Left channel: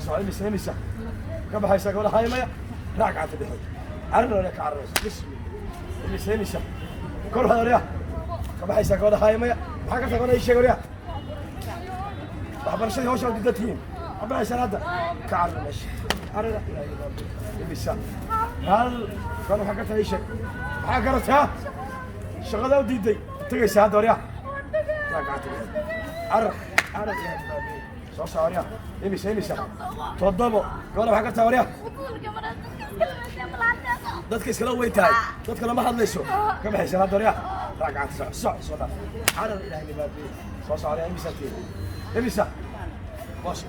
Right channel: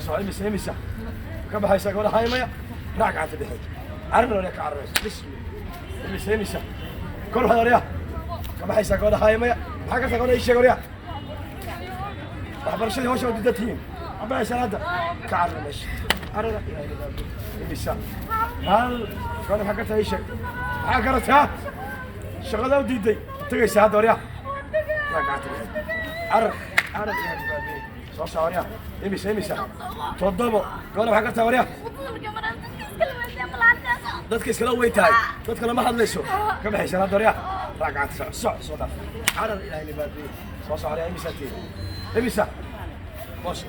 soo soco imisa ka baxaysa gabadha haymaya raac gacanta dhexe carabna wala ka cararaysa imisa kor hadariya ka baxaysa gabadha haymaya maxaa ka taqoonay sheeg wariya waxbarashadii hawsha u didatiin abbaaysan hadda ka cararaysa arada imisa hal gabadha maxaa ka tahay sheeg maxaa garataa shaqada u diiday tagaysa hadda wariya raac gacanta dhexe carab soo saaraya imisa toddobo gabadha maxaa ka tahay wariya dadka iskala weyn tahay dadka lama hadlayso ka baxaysan hadda wariya raac gacanta soo dhaaf carab ilaahay libaadiyey soo saaraya imisa boos